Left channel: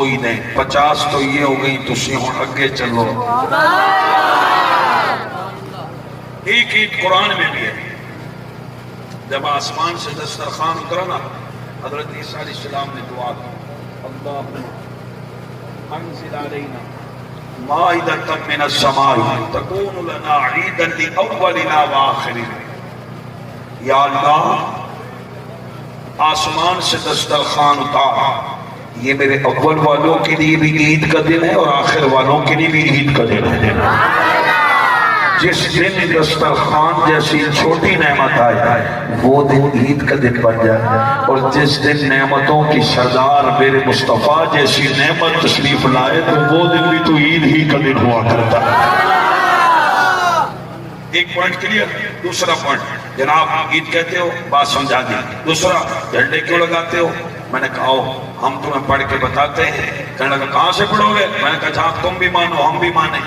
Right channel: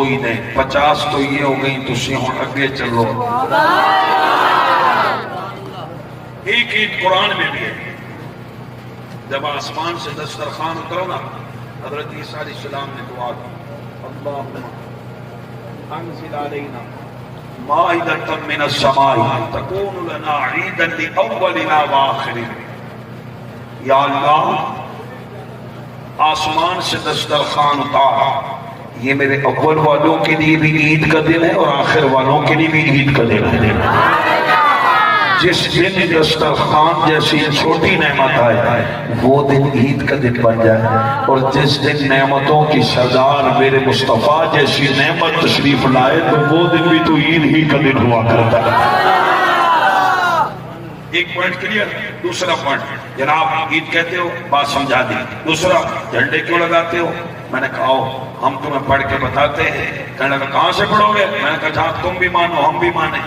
کوئی نہیں، 50 تو یہ ہو گئی، تسی ہوں اگے چلو۔ ایک عید قرآن میں بھی ہے، جب آسمان سے دسترخوان اترا نا، حضرت عیسیٰ علیہ السلام نے دعا کی، اللہم انزل علینا مائدۃ من السماء تکون لنا عیدا لاولنا وآخرنا۔ یا اللہ آسمان سے دسترخوان اتار، یہ میرے اول والوں کے لیے بھی عید کا دن ہے اور آخر والوں کے لیے بھی عید کا دن ہے۔ جس دن دسترخوان جیسی چھوٹی نعمت آئے وہ دن عید کا دن بن جائے، اور جس دن نعمتوں کی سردار میرے مصطفیٰ جیسی نعمت تشریف لائے تو وہ دن بھی تو عید ہی کا دن ہوا کرتا ہے۔ ایک پوائنٹ کلیئر۔ دوسرا پوائنٹ، جناب عید کہتے ہو، بات سمجھا دی۔ دوسرا، جھنڈے کیوں لگاتے ہو؟ میں نے کہا ہم تمہیں پڑھ کے بتاتے ہیں۔ کہنے لگا کہاں سے پڑھو گے؟ میں نے کہا جہاں تم بھی مانو ہم بھی مانیں۔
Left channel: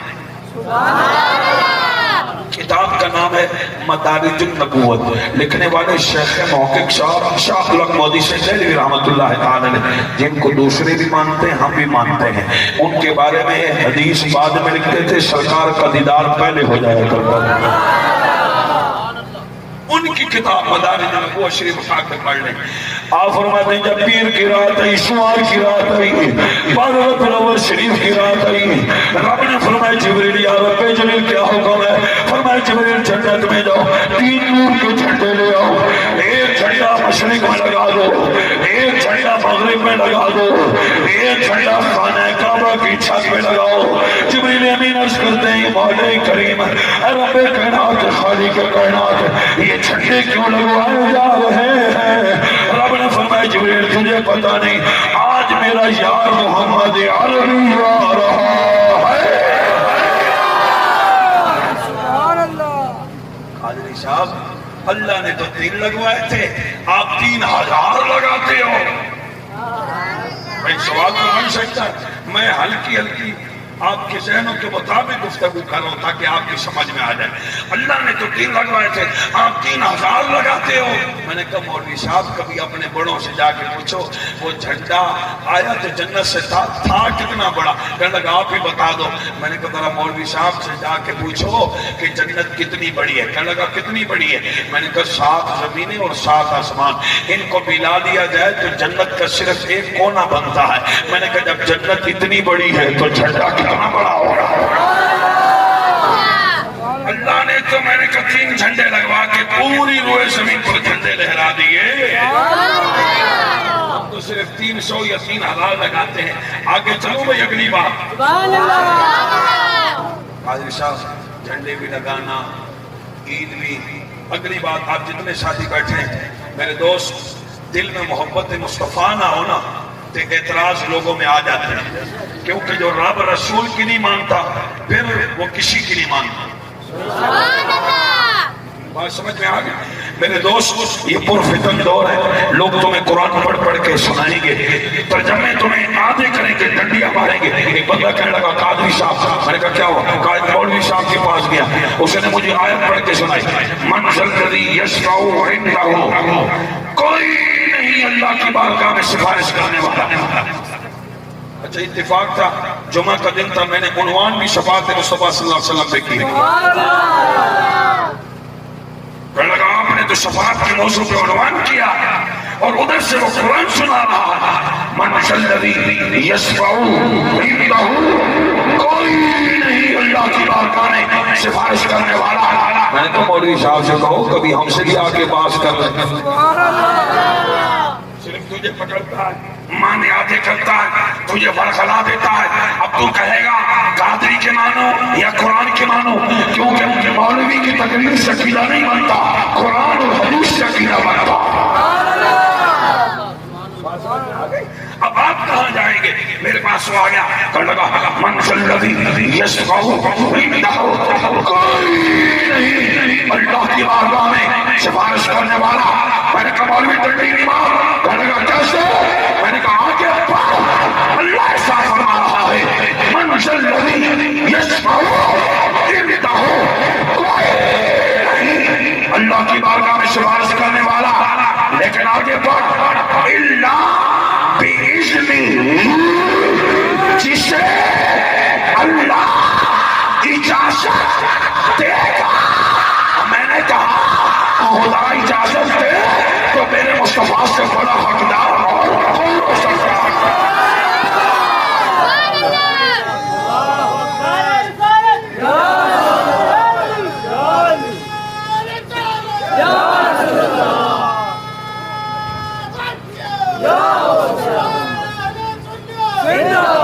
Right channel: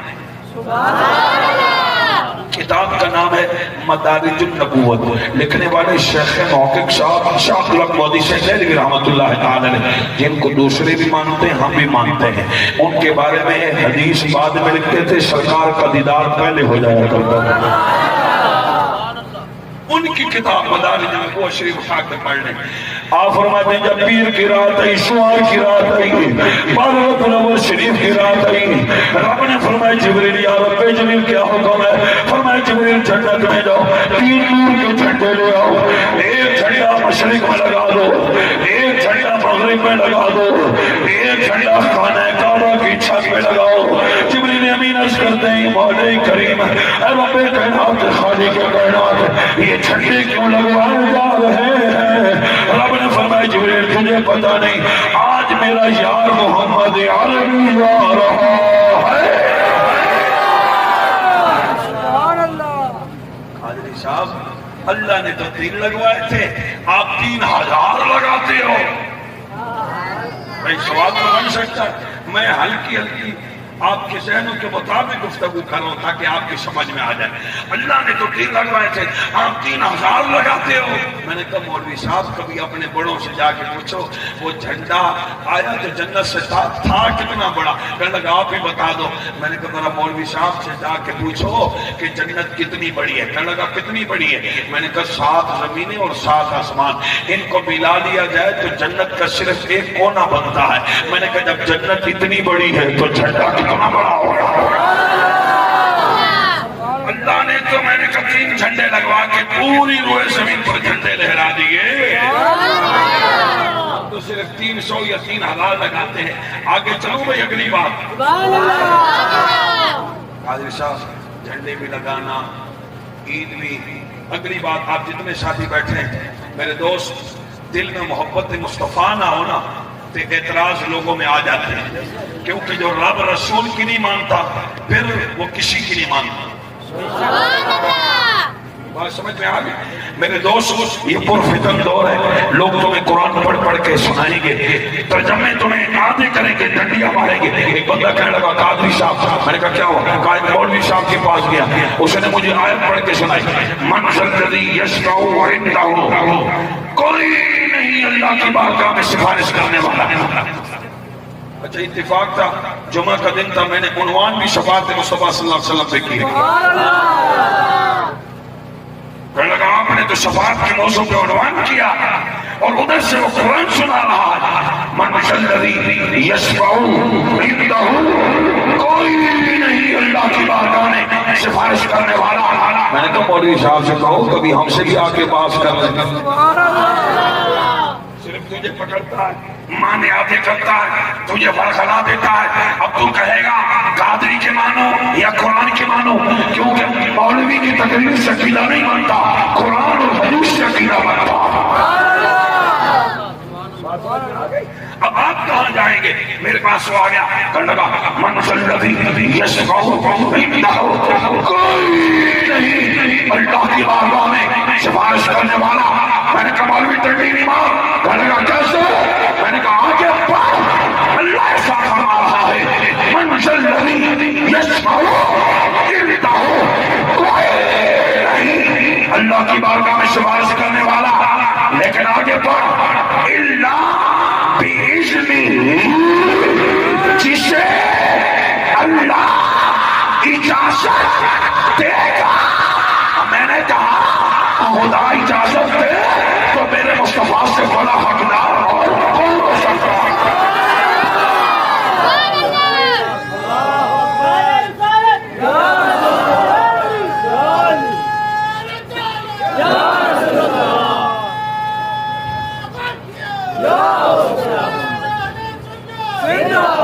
کتاب کا نام ہے مدارج النبوت، لکھنے والے شیخ محقق صاحب شاہ غلام مودی سے دہلوی رحمۃ اللہ تعالی علیہ، جن کو دوسرے بھی مانتے ہیں ہم بھی مانتے ہیں۔ ان کے بارے میں حدیث بعد میں لکھتے تھے، سرکار کا دیدار پہلے ہو جایا کرتا ہے۔ ان کی کتاب مدارج النبوت شریف خاک میں پڑھ لیں۔ آپ فرماتے ہیں جب پیر کی رات آئی، شمار کی رات آئی، بارہ تلاوت شریف کی رات آئی، رب نے فرمایا جبریل یا رب جبریل کیا حکم ہے؟ فرمایا جبریل جنت میں جاؤ، 3 نور کے جھنڈے لے آؤ، ایک جھنڈا مشرق میں لگا دو، ایک جھنڈا مغرب میں لگا دو، ایک جھنڈا خانہ کعبہ کی چھت میں لگاؤ۔ جبریل امین عرض کرتے ہیں مولا کریم، اے رب کائنات خالق کائنات، یہ جھنڈے کیوں لگوائے جا رہے ہیں؟ رب نے فرمایا جبریل تجھے پتہ نہیں، آج میرا یار محمد عربی آ رہا ہے۔ سبحان اللہ۔ قادری صاحب اللہ نے تو 3 لگوائے تھے، آپ 3000 لگاتے ہو۔ میں سوال تو بن سکتا ہے، میں ہلکی آپ کے ذہنوں کے مطابق گفتگو کر رہا ہوں تاکہ آپ کی سمجھ میں آ جائے۔ اللہ نے تو 3 لگوائے تھے، آپ 3000 لگاتے ہو۔ میں نے کہا مولوی صاحب کبھی اپنے بڑوں سے جا کے پوچھو وہ جھنڈا آیا تو جنت سے تھا کتنا بڑا؟ کہنے لگا آپ ہی بتا دو۔ میں نے کہا ذرا مولوی صاحب سے جا کے پوچھو کہ جنت کتنی بڑی ہے؟ کہنے لگا کتنی بڑی ہے؟ میں نے کہا 7 زمینیں اور 7 آسمان، ان کو ملا لیا جائے تو جنت کا صرف ایک کونا بنتا ہے۔ میں نے کہا جب جنت اتنی بڑی ہے تو جھنڈا کتنا بڑا ہوگا؟ اللہ نے تو میں نے کہا 3 جھنڈے لگوا کے پوری روئے زمین پر جھنڈے لہرا دیے۔ ہم تو صرف 300 یا 3000 لگاتے ہیں۔ آگے چلو بھائی اگلی بات۔ قادری صاحب جھنڈے بھی لگانا، عید بھی، اگلی بات آپ جتنے ساتھی بیٹھے ہیں میرے دوست، دل میں محبت مصطفیٰ نہ ہونا تو اعتراض لوگوں میں آ جاتے ہیں، کیونکہ جو رب رسول کی نہیں مانتا پھر وہ کسی کی نہیں مانتا۔ بات سمجھ میں آ گئی؟ میرے دوست یہ پرفتن دور ہے، لوگ تمہیں قرآن پڑھ کے سنائیں گے، ترجمے تمہیں آدھے کریں گے، ڈنڈیاں ماریں گے۔ ایک بندہ کہنے لگا قادری صاحب، میں نے کہا کیا ہوا؟ کہا مولوی صاحب کے پاس گیا، اس نے مجھے آیت پڑھ کے سنائی، من ذا الذی یشفع عنده، کوئی نہیں اللہ کی بارگاہ میں سفارش کرنے والا۔ اچھا اتفاق تھا، جمعہ کا دن تھا، میں نے عنوان بھی شفاعت مصطفیٰ صلی اللہ علیہ وسلم پہ کی۔ کہنے لگا آپ نے تو شفاعت کے موضوع پہ عنوان کیا اور ادھر سے وہ قرآن سنا رہا ہے، من ذا الذی یشفع عنده، کوئی نہیں اللہ کی بارگاہ میں سفارش کرنے والا۔ میں نے تو مولوی صاحب سے کہو کبھی ہم سے بھی آ کے بات کر رہے ہیں۔ صرف تجھے پکڑتا ہے، ماں میں آتے کرتا ہے، تجھے ورغلا دیتا ہے۔ اب تو کہے گا قادری کے مانو یا قرآن کے مانو، کیونکہ مولوی کی تقریر سے عقیدہ نہیں بنتا، قرآن اور حدیث سے عقیدہ بنتا۔ اب آپ کہاں جائیں گے؟ میرے پاس وہ آ گیا، کہنے لگا من ذا الذی یشفع عنده، کوئی نہیں اللہ کی بارگاہ میں سفارش کرنے والا۔ میں نے کہا مولوی ٹنڈی نہیں مار، کہنے لگا کیسے؟ میں نے کہا آگے اللہ ایسا فرما رہا ہے، من ذا الذی یشفع عنده، کوئی نہیں اللہ کی بارگاہ میں سفارش کرنے والا۔ لیکن آگے پڑھ، الا بِإِذْنِهِ، جسے اللہ اجازت دے گا۔ میں نے کہا خدا اجازت دے تو میرے مصطفیٰ سے بڑا حقدار اور کون ہو سکتا ہے؟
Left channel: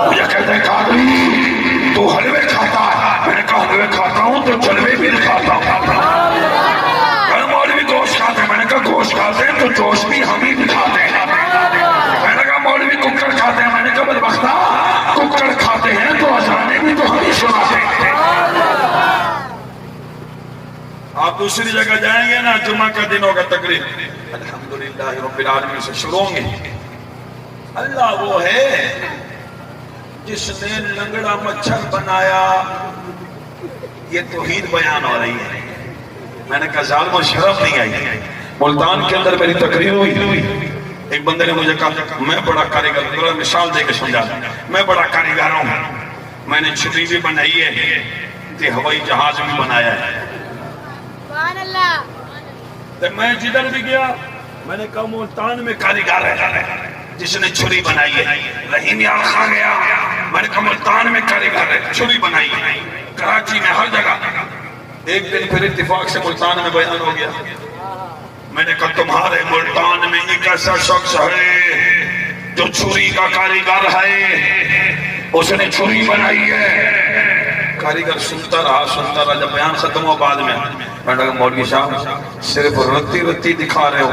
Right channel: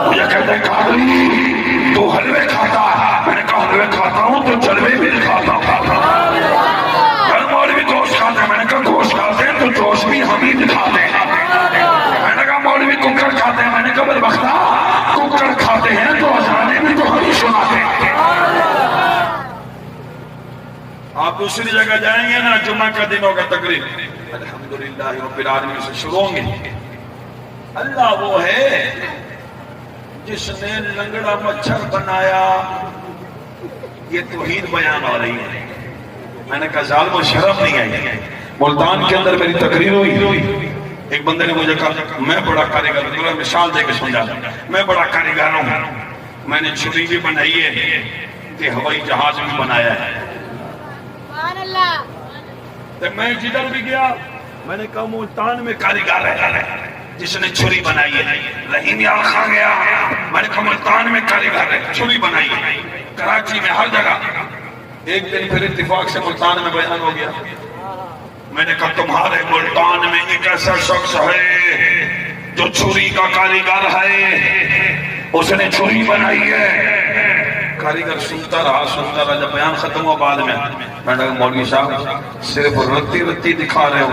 مجھے کہتے ہیں قادری تو حلوے کھاتا ہے، میں نے کہا حلوے کھاتا ہوں تو جلوے بھی کھاتا ہوں۔ مولوی گوشت کھاتے ہیں، میں نے کہا گوشت کھاتے ہیں تو جوش بھی ہم ہی کھاتے ہیں۔ میں نے کہا مولوی ککڑ کھاتے ہیں، میں نے کہا بدبختہ ککڑ کھاتے ہیں تو اذانیں بھی تو ہم ہی سناتے ہیں۔ آپ دوسری جگہ جائیں گے نا، جمعہ کا دن ہوگا تقریب، الحمدللہ رب العالمین سے شروع ہوں گے۔ اللہ وہ ہے جس نے لنگڑا مچھر بنایا، یہ توحید بیان ہو رہی ہے۔ میں نے کہا ظالم و شرف نہیں آئی۔ ملتان کے اندر میری تقریر ہوئی، ایک بندے نے مجھے کہا میں بڑا کاریگر ہوں، مثال دے کے سمجھا میں بڑا کاریگر ہوں، میں نے چھتری بھی بنائی ہے کہ ہوائی جہاز بھی بنایا ہے۔ تو میں جدھر بھی گیا میں نے کہا ملتان میں کاریگر ہے جس نے چھری بنائی ہے۔ رحیم یار خان گیا، میں نے کہا ملتان میں کاریگر ہے، چھری بنائی ہے۔ کراچی میں ہر جگہ۔ ایک دن پھر اتفاق سے ملتان میں بیان ہو گیا، میں نے کہا تمہارے ملتان میں ایک ایسا شخص ہے جو چھری کا کاریگر ہے، اس نے چھری بنائی ہے۔ کاریگر سنتا رہا جب بیان ختم ہوا بعد میں میں نے کہا مولوی صاحب صرف رتی رتی دکھا رہے ہو،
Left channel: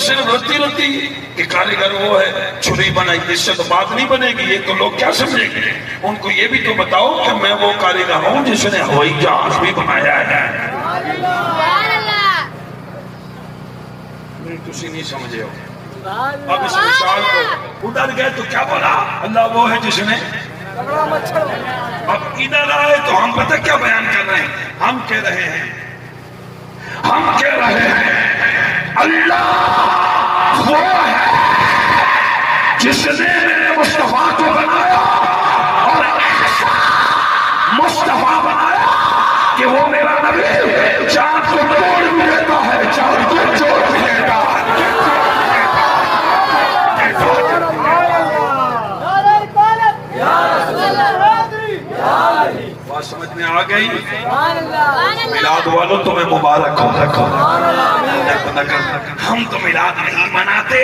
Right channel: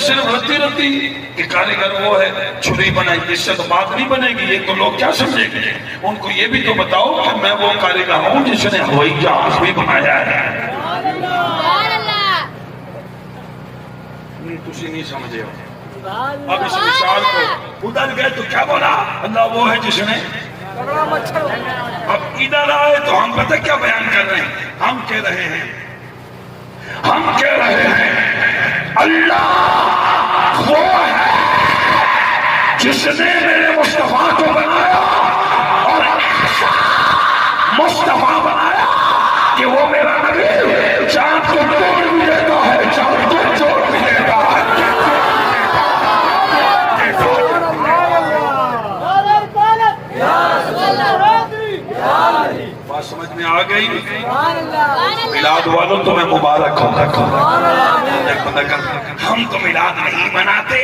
صرف رتی کہ کاریگر وہ ہے چھری بنائی، اس سے تو بات نہیں بنے گی، یہ تو لوگ کیا سمجھیں گے؟ ان کو یہ بھی تو بتاؤ کہ میں وہ کاریگر ہوں جس نے ہوائی جہاز بھی بنایا ہے۔ تسی نہیں سمجھے ہو۔ اب اس مثال کو ادھر گئے تو کیا بولا؟ اللہ وہ ہے جس نے اب ادھر آئے تو ہم پتہ کیا بیان کر رہے ہیں؟ ہم کہہ رہے ہیں اللہ وہ ہے جس نے میرے مصطفیٰ کو بنایا اور مصطفیٰ بنایا کہ وہ میرا نبی چاند کو توڑ بھی دیتا ہے، چاند کو جوڑ بھی دیتا ہے۔ بات سمجھ میں آ گئی؟ میلاد والوں تمہیں مبارک ہو۔ ہم تو میلاد نہیں مناتے،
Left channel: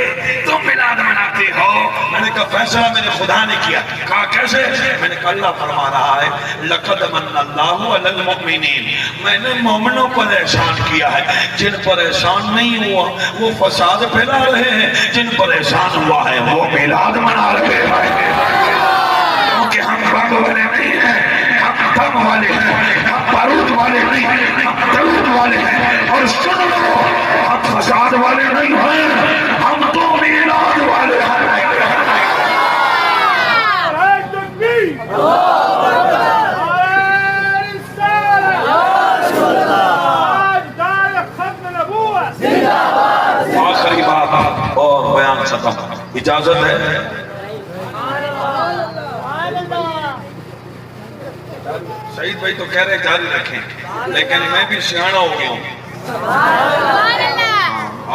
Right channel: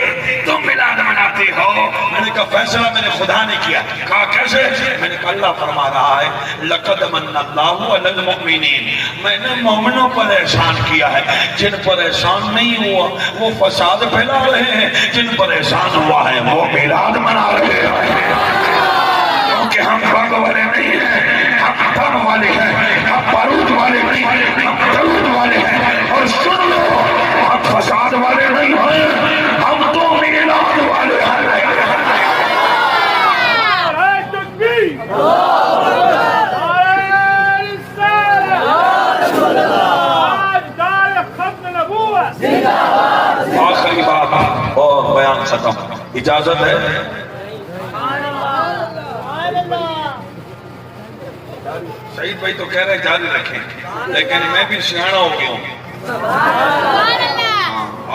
تم میلاد مناتے ہو۔ میں نے کہا فیصلہ میرے خدا نے کیا۔ کہا کیسے؟ میں نے کہا اللہ فرما رہا ہے لقد من اللہ علی المؤمنین، میں نے مومنوں پر احسان کیا ہے، جن پر احسان نہیں ہوا وہ فساد پھیلا رہے ہیں، جن پر احسان ہوا ہے وہ میلاد منا رہے ہیں۔ کیونکہ ہم رنگ والے نہیں ہیں، ہم دم والے ہیں، ہم بارود والے نہیں ہیں، ہم درود والے ہیں۔ اور سن لو ہم فساد والے نہیں ہیں، ہم تو میلاد والے ہیں۔ آخری بات اور بیان ختم، اجازت ہے؟ سعید بھائی تو کہہ رہے جاری رکھیں، لیکن میں بھی سیاڑا ہو گیا ہوں۔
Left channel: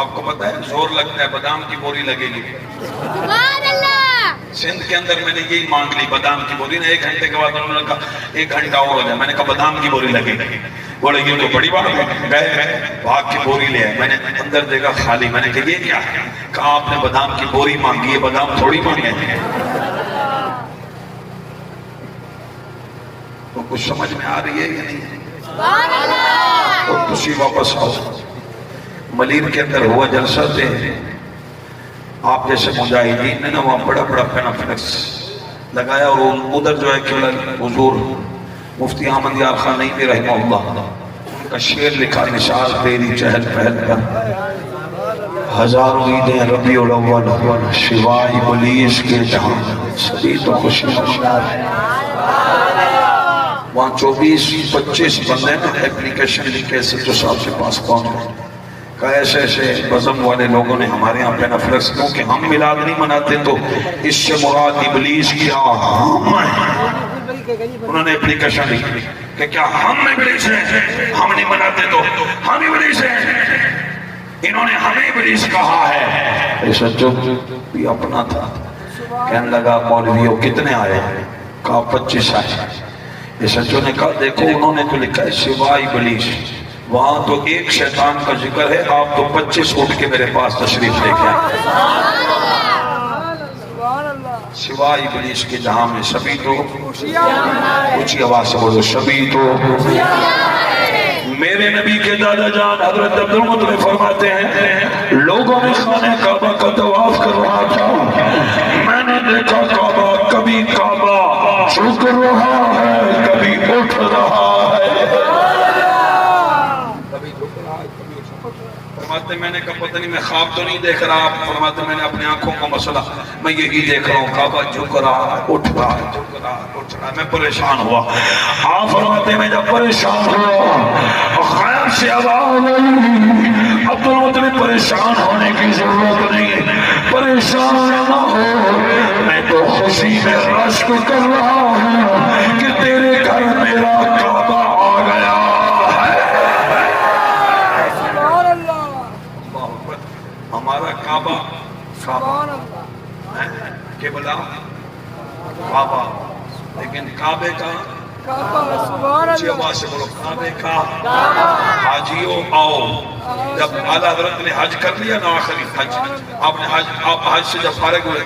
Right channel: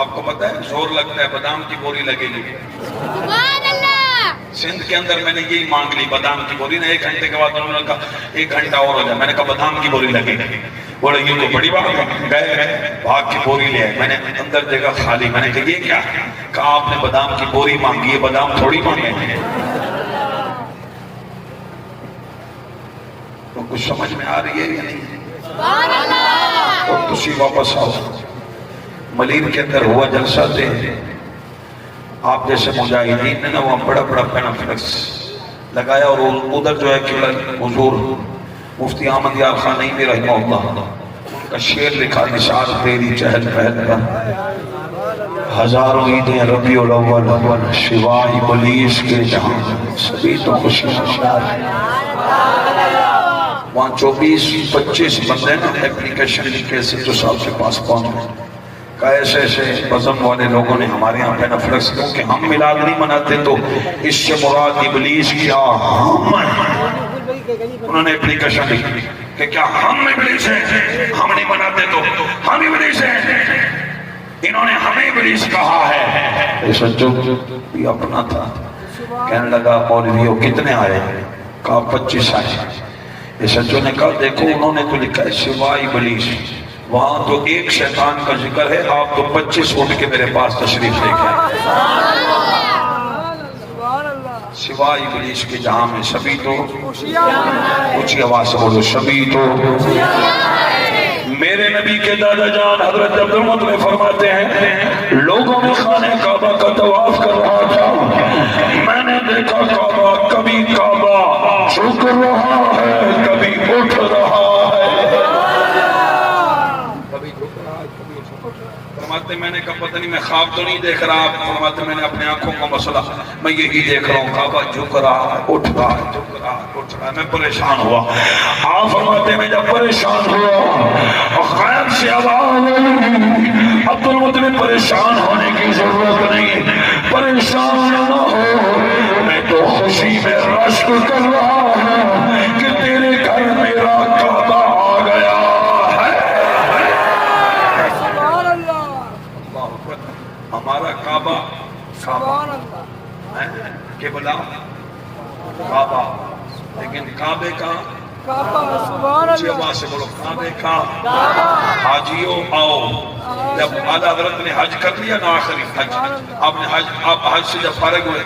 آپ کو پتا ہے زور لگتا ہے بادام کی بوری لگے گی۔ سندھ کے اندر میں نے یہی مانگ لی بادام کی بوری نے، 1 گھنٹے کے بعد انہوں نے کہا 1 گھنٹہ اور ہو جائے، میں نے کہا بادام کی بوری لگے گی۔ بولے یہ تو بڑی بات ہے، گئے بھاگ کی بوری لے آئے، میں نے اندر جگہ خالی، میں نے کہا یہ کیا؟ کہا آپ نے بادام کی بوری مانگی ہے، بادام تھوڑی مانگے ہیں۔ تو کچھ سمجھ میں آ رہی ہے یا نہیں؟ اور خوشی واپس آؤ۔ ملیر کے اندر ہوا جلسہ تھے، آپ جیسے مجاہدین نے نا وہاں بڑا بڑا کانفرنس لگایا، اور ادھر جو ہے کہ حضور مفتی احمد یار خان نعیمی رحمہ اللہ کا شعر لکھا، نثار تیری چہل پہل پر ہزاروں عیدیں ربیع الاول سوائے ابلیس کے جہاں سبھی تو خوشی خوشیاں۔ وہاں 24-25 بندے نا اپلیکیشن لکھے سے تو صاحب کے پاس پہنچ گئے، کہ ایسے ایسے مذہب والے لوگوں نے ہمارے یہاں پہ نفرت کیونکہ ہم میلاد نہیں مناتے تو اس سے مراد ابلیس کیا ہم ہیں. انہوں نے اپلیکیشن لکھی کہ کیا ہم ابلیس ہیں؟ ہم نہیں مناتے تو ہم ابلیس ہیں. انہوں نے ہمیں ابلیس کہا ہے. اس جو بھی اپنا تھا کہنے لگا مولویوں کتنے آئے؟ کہا 25 آئے. یہ سچوں نے کہا دیکھو انہوں نے تو لکھا ہے سوائے ابلیس. وہاں تو ایک شیطان کا ذکر ہے, آپ تو 25 اٹھ کے میرے پاس تشریف لے کے سوائے ابلیس کے جہاں میں سبھی تو اونچی آواز سے بولو سبھی تو. میرے نبی کے دادا جان حضرت عبدالمطلب فرماتے ہیں لوگوں میں خانہ کعبہ کا طواف کر رہا تھا, میں نے دیکھا کعبہ کبھی کعبہ جھک رہا ہے کبھی اٹھ رہا ہے. فرماتے میں نے کہا پتہ نہیں میں خواب تو نہیں دیکھ رہا. فرماتے میں نے اپنے آنکھوں کا مسئلہ میں یہی دیکھ رہا ہوں کعبہ جھک رہا ہے اٹھ رہا ہے جھک رہا ہے اٹھ رہا ہے. میں پریشان ہوا. آپ فرماتے میں جب پریشان ہوا غیب سے آواز آئی عبدالمطلب پریشان ہونے کی ضرورت نہیں, پریشان نہ ہو, میں تو خوشی میں رشک کر رہا ہوں کہ تیرے گھر میرا کعبہ آ گیا. ہمارا کعبہ سبحان اللہ قبلہ کعبہ, لیکن کعبے کا سبحان اللہ سے بولو کعبے کا حاجیوں آؤ. جب اعلیٰ حضرت نے حج کر لیا نا آخری حج, آپ حج سے جب فارغ ہوئے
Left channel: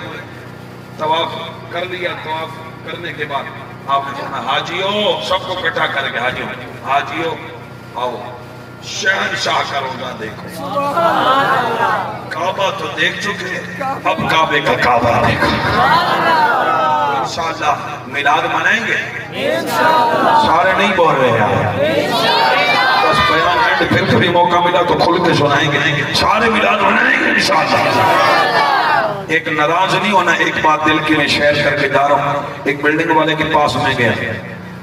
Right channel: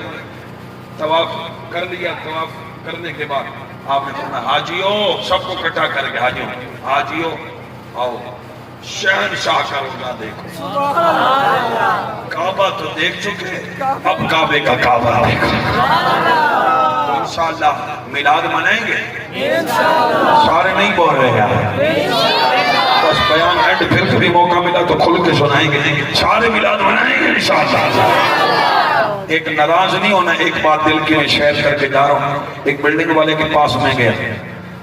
طواف کر لیا, طواف کرنے کے بعد آپ نے کہا حاجیوں سب کو اکٹھا کر کے حاجیوں آؤ شہنشاہ کا روزہ دیکھو. کعبہ تو دیکھ چکے اب کعبے کا کعبہ دیکھو. انشاءاللہ میلاد منائیں گے سارے نہیں بول رہے ہیں بس بیان اینڈ پھر کبھی موقع ملا تو کھل کے سنائیں گے. سارے میلاد منائیں گے انشاءاللہ. ایک ناراض نہیں ہونا, ایک بات دل کی میں شیئر کر کے جا رہا ہوں. ایک بلڈنگ والے کے پاس میں گیا,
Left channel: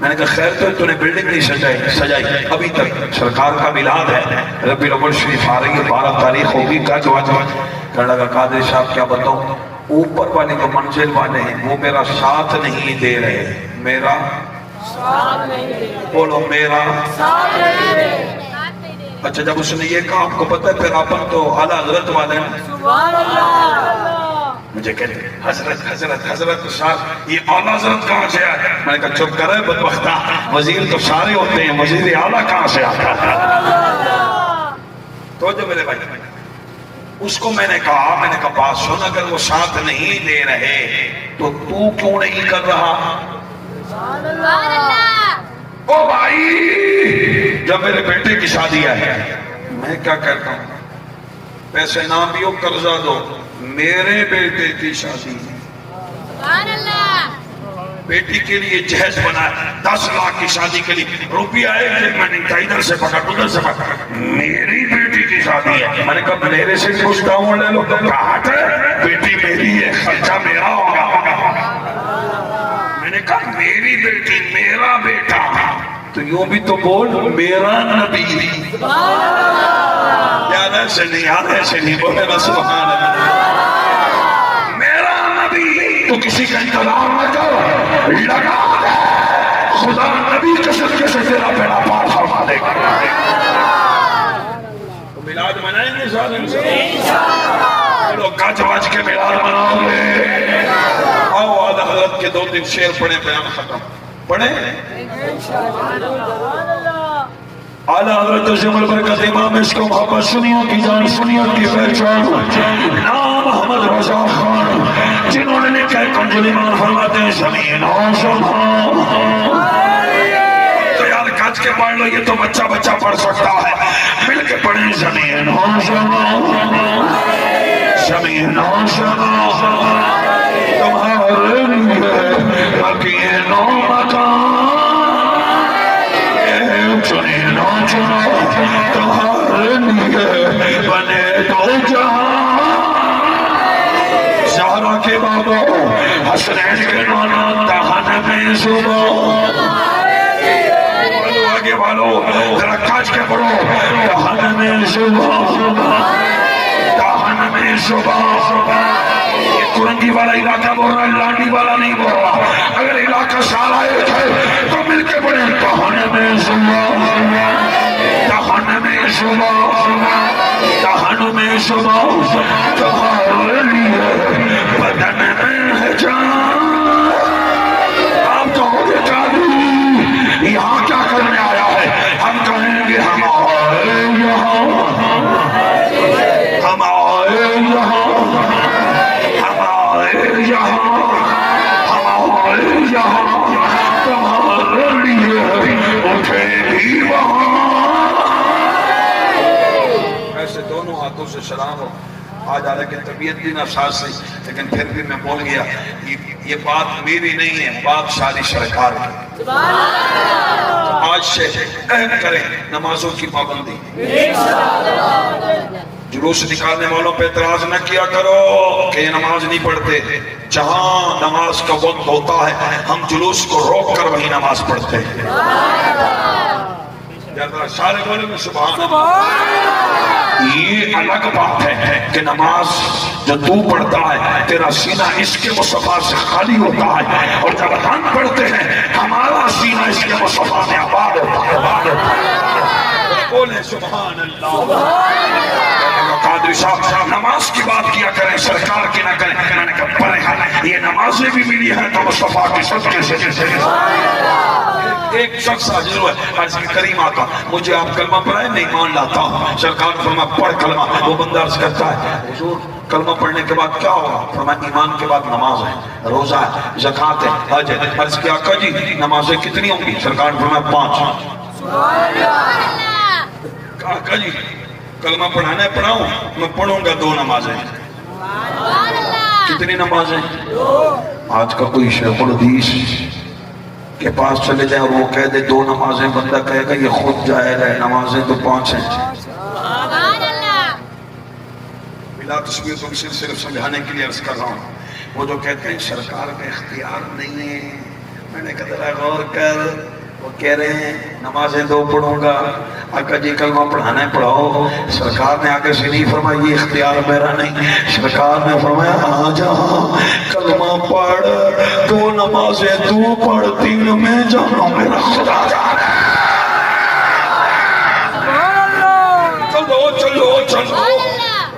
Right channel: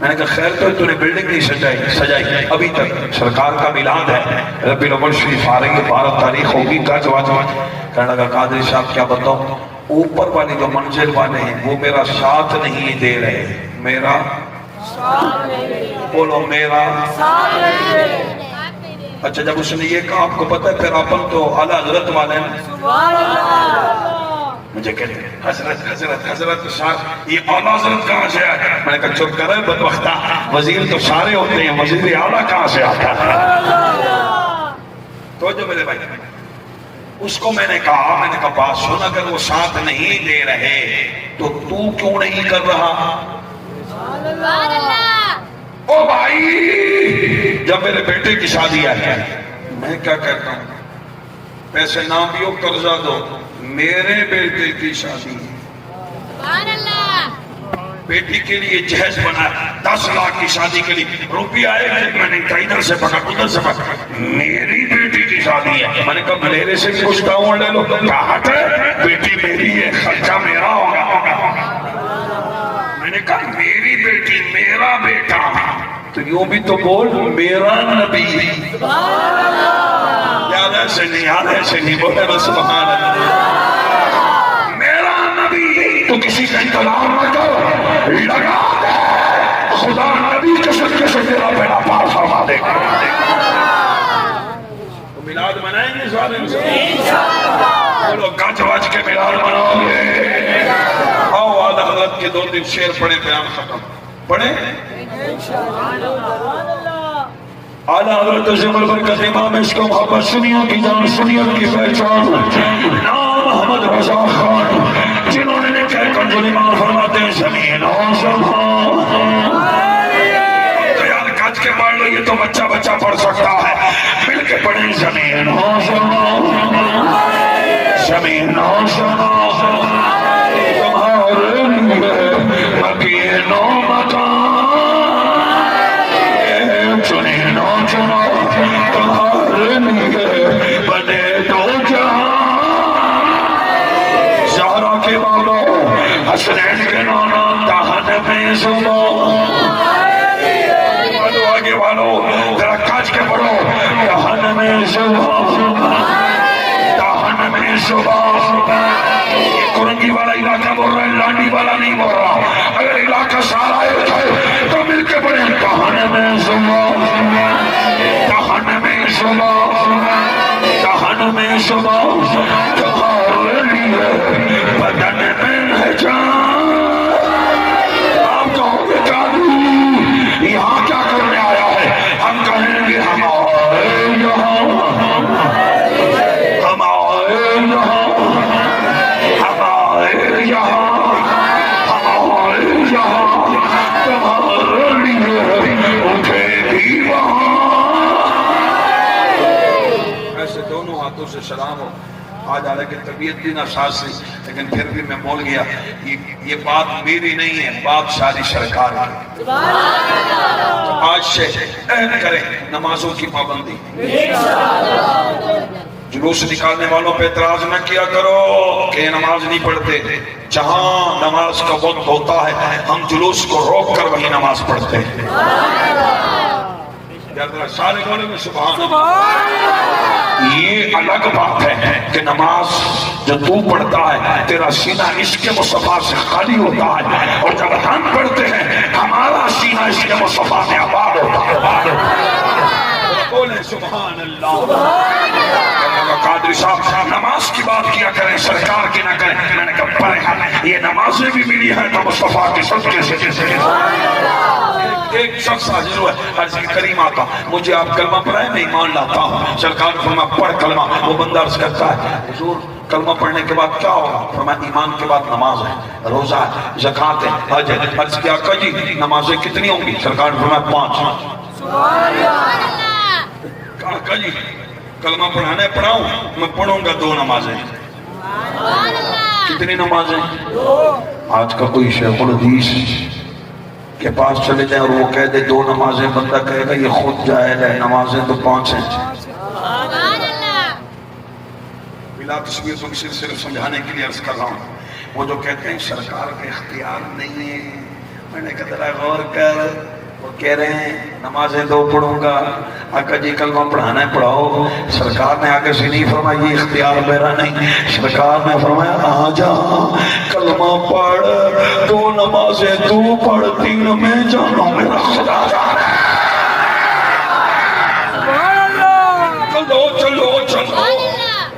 میں نے کہا خیر تو نے بلڈنگ نہیں سجائی ابھی تک سرکار کا میلاد ہے ربیع الاول شریف آ رہی ہے 12 تاریخ ہوگی کا جواب. کہنے لگا قادری صاحب کیا بتاؤں اوپر والے جو منزل والے ہیں وہ میرا ساتھ نہیں دے رہے. میرا بولو میرا. اچھا جب اس نے یہ کہا آپ کو پتہ ہے پھر اپن تو اعلیٰ حضرت والے ہیں. مجھے کہتے ہیں حضرت صاحب یہ اعلیٰ حضرت کہاں سے آیا؟ میں نے کہا چپ کرے بدبختہ, وزیر تو سارے ہوتے ہیں, وزیر اعلیٰ کہاں سے آتا ہے؟ تو جو میرے بھائی اس کو میں نے کہا بات سن, اگر وہ ساتھ نہیں دے رہے تو کیوں نہیں کر رہا؟ او بھائی جب میرے بیٹے کی شادی ہے میں کیا کرتا ہوں, پیسے نہ دیو قرضہ دو, میرے بیٹے کی شادی بیٹی کے لیے جہیز بنا 10 لاکھ کی شادی کے لیے روپیہ آئے گا, میں نے کہا ادھر سے پکڑ ادھر سے پکڑ, میری بیٹی کی شادی ہے. میں نے کہا میرے سے کچھ ڈاؤن لے لو. کہا بیٹی میری ہے خرچہ میرا ہوگا. میں نے کہا میری بیٹی میرا بیٹا تو یوں بھی تو بول میرا نبی. یاد ایسے نہیں بولے نا سبحان اللہ. میرا نبی تو کسی کا انتظار نہ کرو, لگا دے خدا نبی کے صدقے سے تیرا بیڑا پار فرما دے گا. تو میلاد منائیں گے سارے انشاءاللہ. چلو گج وج کے میلاد مناؤ گے. آؤ اعلیٰ حضرت کے 2 شعر پڑھیں بیان ختم پڑھیں. اعلیٰ حضرت سے برکت امام اس کو محبت سنیا کی جان سنیا کی پہچان نام محمد رضا خان جنہوں نے لکھا ہے کنز ایمان فرماتے ہیں زمین اور سبحان. تو یار کج کے پڑھ لو, یہ تو بچہ پڑھ سکتا ہے, مل کے پڑھیں زمین اور سبحان زمین اور سبحان تمہارے لیے مکینوں مکان چنے نو چنا تمہارے لیے بنے تو جہاں. زہرا کے بابا حسنین کے نانا دہن میں صبح. آگے والوں ذرا کاج کے پڑھو جہنم صبح یہ کرنگی والا علاقہ بول رہا ہے، لانڈی والا نہیں بول رہا. اگر علاقہ سارا ایک ہے تو مل کے پڑھیں جہنم صبح تمہارے لیے بدن میں ہے جان. آپ جاؤ گے قادری یہاں کیا کرنے آیا ہے؟ ہم کہیں گے ہم آئے یہاں تمہارے لیے اٹھے بھی وہاں. ایسے دونوں ہاتھوں سے سلام ہو. آج حالانکہ طبیعت بھی ناساز تھی لیکن پھر بھی میں بول گیا یہ بات میری نہیں ہے، بات ساری سرکار کی. آج سے عہد کریں نمازوں کی پابندی. جلوس نکالنے والوں پہ اعتراض نہ کیا کرو کہ نماز نہیں پڑھتے. جہاں نماز کا وقت ہوتا ہے ہم جلوس کو روک کر وہی نماز پڑھتے ہیں. سارے بولے میں سبحان. یہ الگ بات ہے کہ نماز جو تو پڑھتا ہے تیرا سینہ عشق مصطفیٰ سے خالی ہوتا ہے، اور جب ہم پڑھتے ہیں ہمارا سینہ عشق مصطفیٰ سے آباد ہوتا ہے. بولے سبحان اللہ. قادری صاحب نماز کی بات کیا کریں، سرکار کی نہ کریں. میں نے کہا پڑھیں یہ نمازیں بھی ملی ہیں تو مصطفیٰ کی صدقے سے. ایک شخص حاضر ہوا ہے حضرت کریم آقا مجھے آپ کلمہ پڑھائیں میں ایمان لاتا ہوں. سرکار نے فرمایا پڑھ کلمہ. وہ بندہ عرض کرتا ہے حضور کلمہ پڑھنے کے بعد کیا ہوگا؟ فرمایا ایمان کے بعد نماز ہے، روزہ ہے، زکوٰۃ ہے، حج ہے. عرض کیا آقا جی نمازیں کتنی ہوں گی؟ سرکار نے فرمایا 5. آقا جی کلمہ پڑھانے پڑھاؤں؟ میں پڑھوں گا 2 نمازیں. کتنی نمازیں؟ آج کا کوئی شیخ الحدیث کے پاس چلے جائیں اور وہ کہہ دے 2 نمازیں، بندہ کہے گا یہ خود جائے گا، نمازیں تو 5 ہیں. بلا تصویر تو صرف سمجھانے کے لیے عرض کر رہا ہوں. وہ جو کہتے ہیں سرکار کا اختیار نہیں ہے، میں نے کہا ذرا غور کر. وہ کہہ رہے ہیں نمازیں 2 پڑھوں گا. آقا جی کلمہ پڑھانا ہے پڑھاؤ. سرکار نے آگے سے نہیں فرمایا یہ اختیار میرا نہیں. سرکار نے فرمایا آ جا کلمہ پڑھ، 2 نمازیں تو پڑھ، 3 میں جانوں میرا خدا جانا. چلو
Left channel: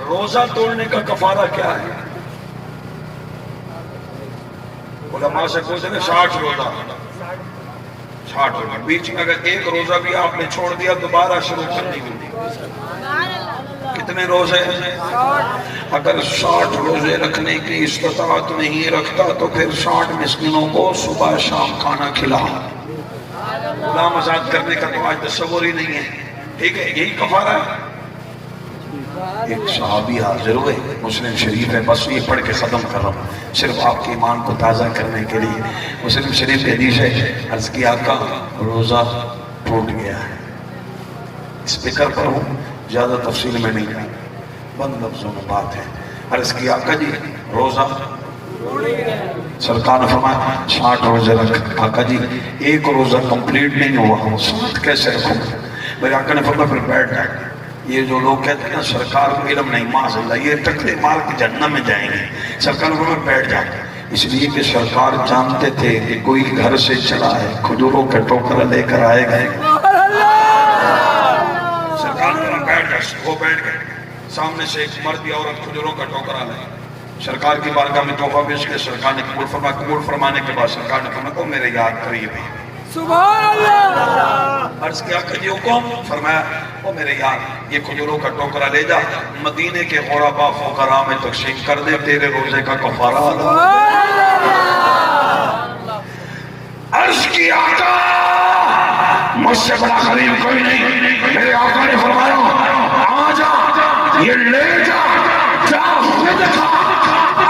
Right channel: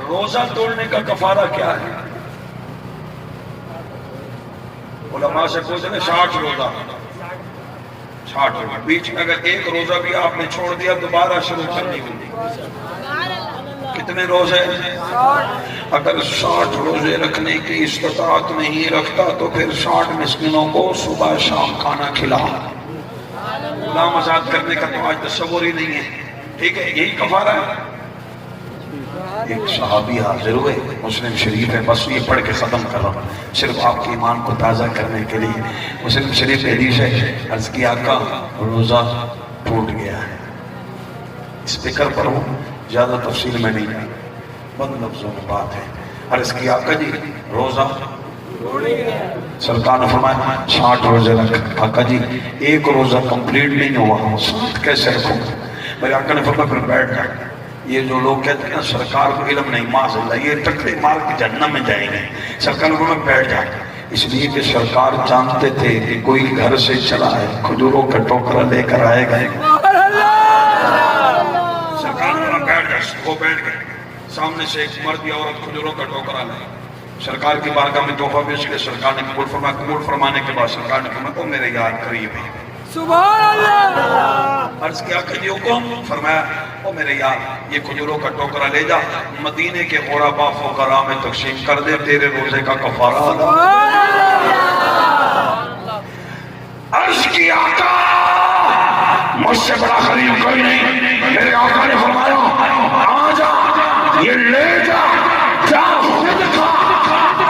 روزہ توڑنے کا کفارہ کیا ہے؟ علماء سے پوچھیں 60 روزہ. 60 روزہ بیچ میں اگر 1 روزہ بھی آپ نے چھوڑ دیا دوبارہ شروع کرنی ہوگی. کتنے روزے؟ اگر 60 روزے رکھنے کی استطاعت نہیں رکھتا تو پھر 60 مسکینوں کو صبح شام کھانا کھلاؤ. غلام آزاد کرنے کا تو آج تصور ہی نہیں ہے. ٹھیک ہے یہی کفارہ ہے. ایک صحابی حاضر ہوئے، مسلم شریف ہے، بس یہ پڑھ کے ختم کر رہا ہوں صرف آپ کے ایمان کو تازہ کرنے کے لیے. مسلم شریف حدیث ہے عرض کیا آقا روزہ ٹوٹ گیا ہے. اسپیکر پر ہوں زیادہ تفصیل میں نہیں، بند لفظوں میں بات ہے. عرض کیا آقا جی روزہ. سرکار نے فرمایا 60 روزے رکھ. آقا جی 1 روزہ کمپلیٹ نہیں ہوا، 60 کیسے رکھوں؟ میرے آقا نے فرمایا پھر بیٹھ جائے. یہ جو لوگ کہتے ہیں نا سرکار کو علم نہیں، معاذ اللہ یہ ٹکرے مار کے جہنم میں جائیں گے. سرکار کو میں بیٹھ جائے اس لیے کہ سرکار جانتے تھے کہ کوئی گھر سے چلا ہے کھجوروں کا ٹوکرا لے کر آئے گا. سرکار کو بیٹھ جائے. وہ بیٹھ گئے. سامنے سے ایک مرد یا عورت کھجوروں کا ٹوکرا لائے. سرکار کی بارگاہ میں تحفہ پیش کیا. سرکار نے قبول فرمایا. قبول فرمانے کے بعد سرکار نے فرمایا تو میرے یاد کریے. سبحان اللہ. عرض کیا کہ حکم فرمایا او میرے یار یہ کھجوروں کا ٹوکرا لے جا مدینے کے غربا فقراء میں تقسیم کر دے، تیرے روزے کا کفارہ. عرض کیا آقا مجھ سے بڑا غریب کوئی نہیں. میرے آقا نے فرمایا آ جا یہ لے جا، جا خود کھا،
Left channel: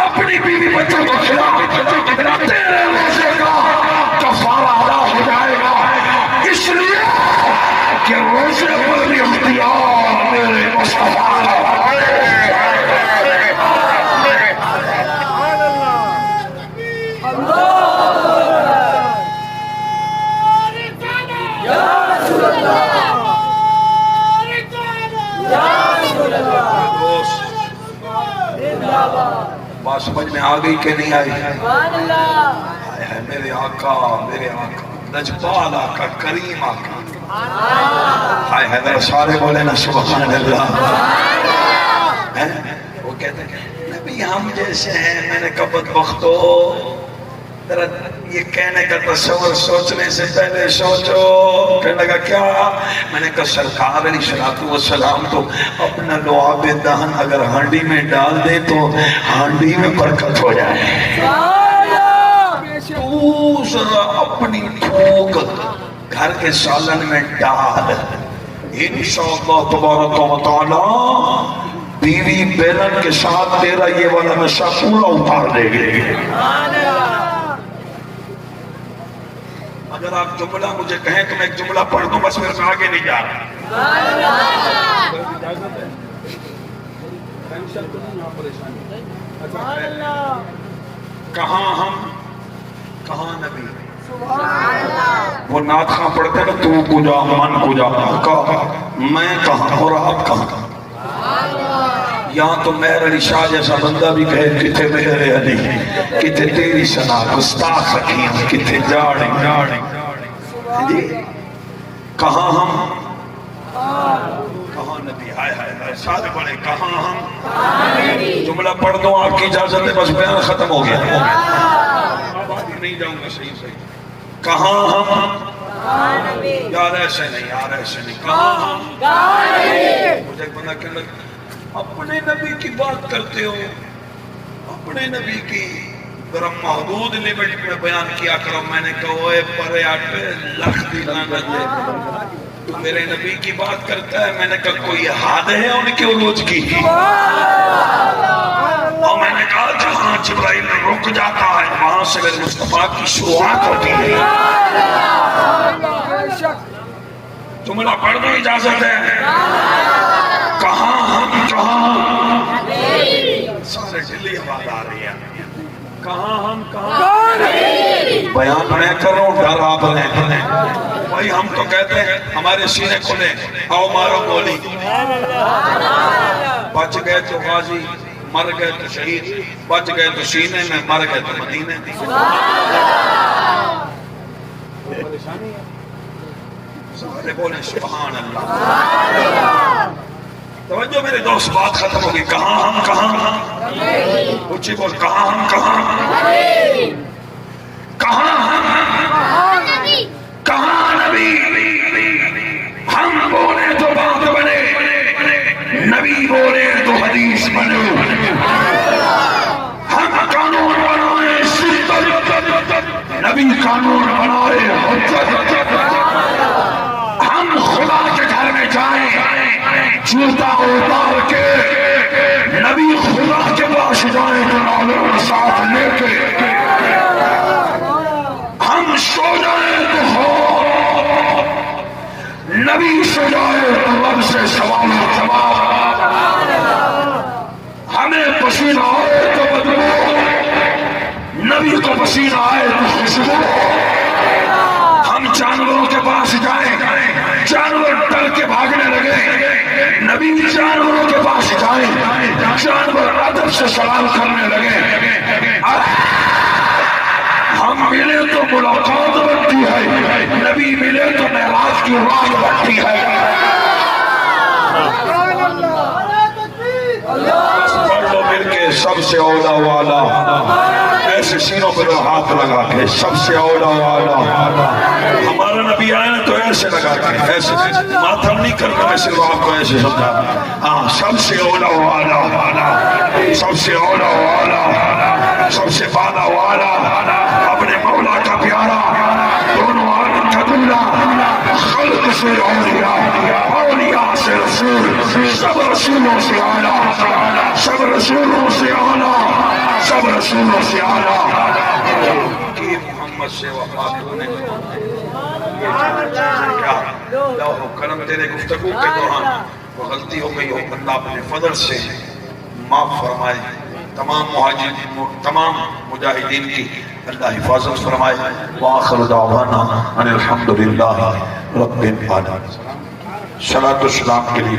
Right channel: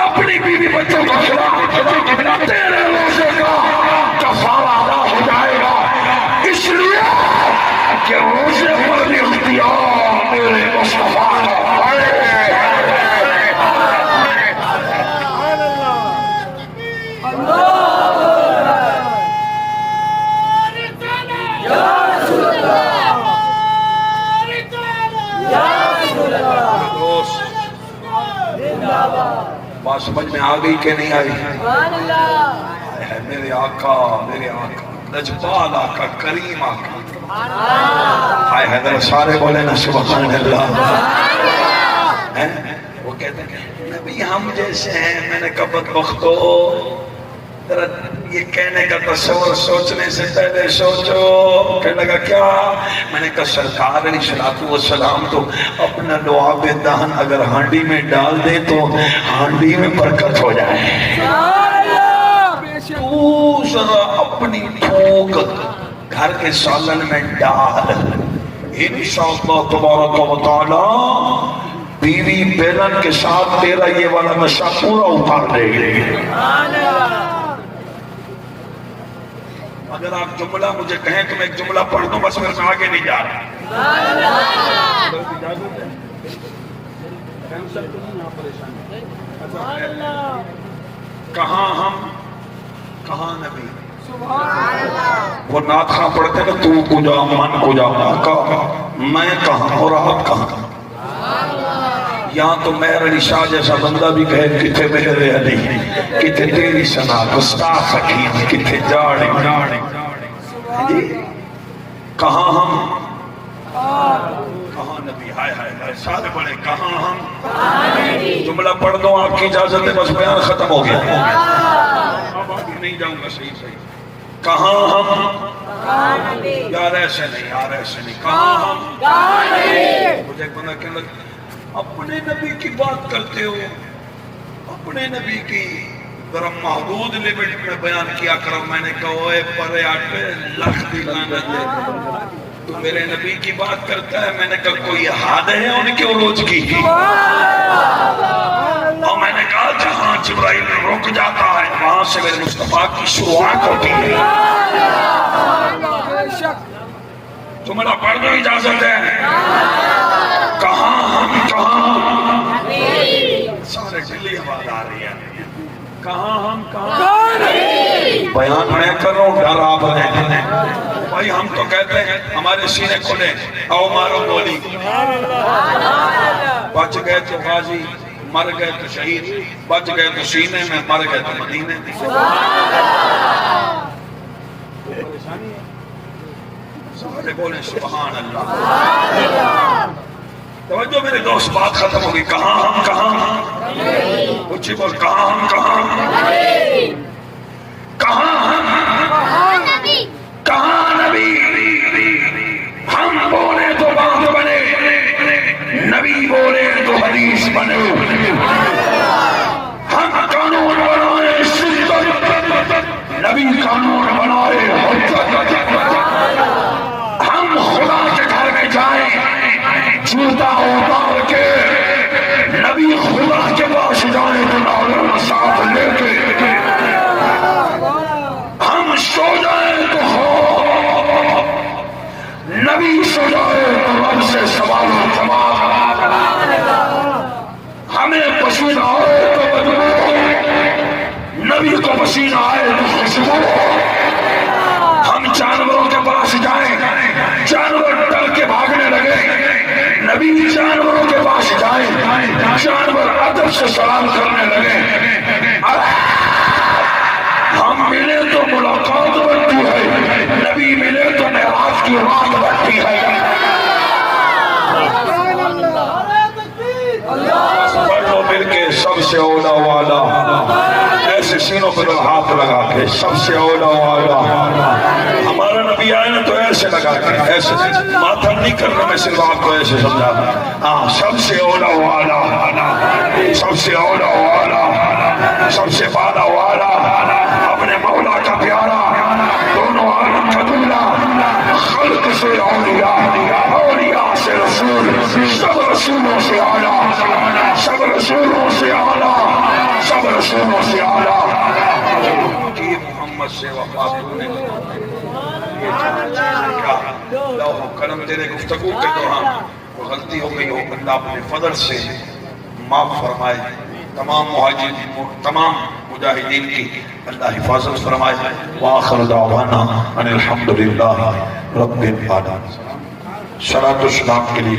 اپنی بیوی بچوں کو کھلا، تیرے روزے کا کفارہ ادا ہو جائے گا. اس لیے کہ روزے پر بھی اختیار میرے مصطفیٰ کا ہے. اللہ بات سمجھ میں آ گئی کہ نہیں آئی؟ میرے آقا لجپال آقا کریم آقا ہائے حیدر سارے بولے نا سبحان اللہ. وہ کہتے ہیں نبی ہم جیسے ہیں. میں نے کہا بدبختو ذرا یہ کہنے کا تصور سوچنے سے پہلے سوچو. کہنے لگا کیا؟ میں نے کہا سرکار علیہ الصلوۃ والسلام تو اپنا لعاب دہن اگر ہانڈی میں ڈال دیں تو ہانڈی میں برکت ہو جائے. تو ذرا اپنی تھوک گھر کے سالن میں ڈال. انشاءاللہ تبارک و تعالی بیوی بیلن کے ساتھ تیرا یہ والا نشہ پورا اتار دے گی. اگر آپ جملہ مجھے کہیں تو میں ایک جملہ پڑھ دوں بس. میں آگے نہیں جا رہا. کہاں ہم کہاں نبی. وہ نعت خواں پڑھتے نا تو کو جا من کو جا. میں کہاں اور آپ کہاں. یہاں تو مہر علی شاہ جیسا بندہ بھی کہے کتنے مہر علی کتنے تیری سنا گستاخ حکیم کتنے جاڑی. کہاں ہم کہاں نبی. ہائے ہائے سارے بڑے کہاں ہم. جملہ پڑھ دو آپ کی اجازت ہے بس بیان ختم ہو گیا. اب آگے نہیں جاؤں گا. صحیح صحیح. کہاں ہم یار ایسے نہیں یار ایسے نہیں. کہاں ہم. مجھے بنا کہنے لگا اپنے نبی کی بات کرتے ہو. اپنے نبی کی ذرا محدود لیمٹ میں بیان کیا کرو. میں نے کہا اوے پرے آٹے لکھ دی لعنت دے. تو میرے نبی کی بات کرتا ہے. میں نے کہا کوئی حد ہے ان کے عروج کی. اور میں نے کہا جہاں جبرائیل رک جاتا ہے وہاں سے میرے مصطفیٰ کی شروعات ہوتی ہے. جملہ پڑھ دو اجازت ہے. کہاں ہم کہاں سارے دلی آواز آ رہی ہے. کہاں ہم کہاں. بیان میں کر رہا ہوں ڈر آپ رہے بھائی. ہم تو کہتے ہیں ہمارے سینے کھلے آؤ مارو گولی. بچ گئے تو غازی مر گئے تو شہید. بچ گئے تو سینے میں مر گئے تو مدینے میں. سارے بولے سبحان اللہ. توجہ میرے دوست بات ختم ہوگی. کہاں ہم کہاں. اونچی بول. کہاں ہم کہاں. کہاں ہم کہاں نبی. ہم بولے تو بات بنے. نبی بولے تو حدیث بنے. ہم قانون بنائے نبی قانون بنائے. ہم خدا کے گھر میں جائیں جوتا اتار کے. نبی خدا کے پاس جائیں تو نالوں ساتھ لے کے. ہم سو جائیں تو ہو نبی سو جائے تو رب سے سوال و جواب. ہمیں پسینہ آئے تو بدبو. نبی کو پسینہ آئے تو خوشبو. ہم جانوروں کے پاس جائیں جانور ڈر کے بھاگنے لگے. نبی جانوروں کے پاس جائیں جانور ادب سے سلام کرنے لگے. ہم ملے تو ملاقات بنتی ہے. نبی ملے تو معراج کی رات بنتی ہے. پڑھ لو مل کے سب سے اولا والا. ایسے سینوں پر ہاتھ لگا کے سب سے اولا والا. ہمارا نبی آئے نا تو ایسے لگا کے ایسے ماتم نہیں کرنا. میں صرف آپ کو ایسے سمجھا. ہاں سب سے اولا والا سب سے اولا والا سب سے بالا والا اپنے مولا کا پیارا. دونوں عالم کا دولا. خلق سے اولیاء اولیاء سے رسول. سب رسولوں سے اعلیٰ سب رسولوں سے اعلیٰ سب رسولوں سے اعلیٰ. محمد سے وفات ہونے لوح قلم تیرے گفتگو کے دوران وہ غلطی ہو گئی ہو. اللہ اپنے فضل سے معاف فرمائے. تمام مجاہدین کی اللہ حفاظت فرمائے. وآخر دعوانا ان الحمدللہ رب العالمین. صلاۃ و سلام کے لیے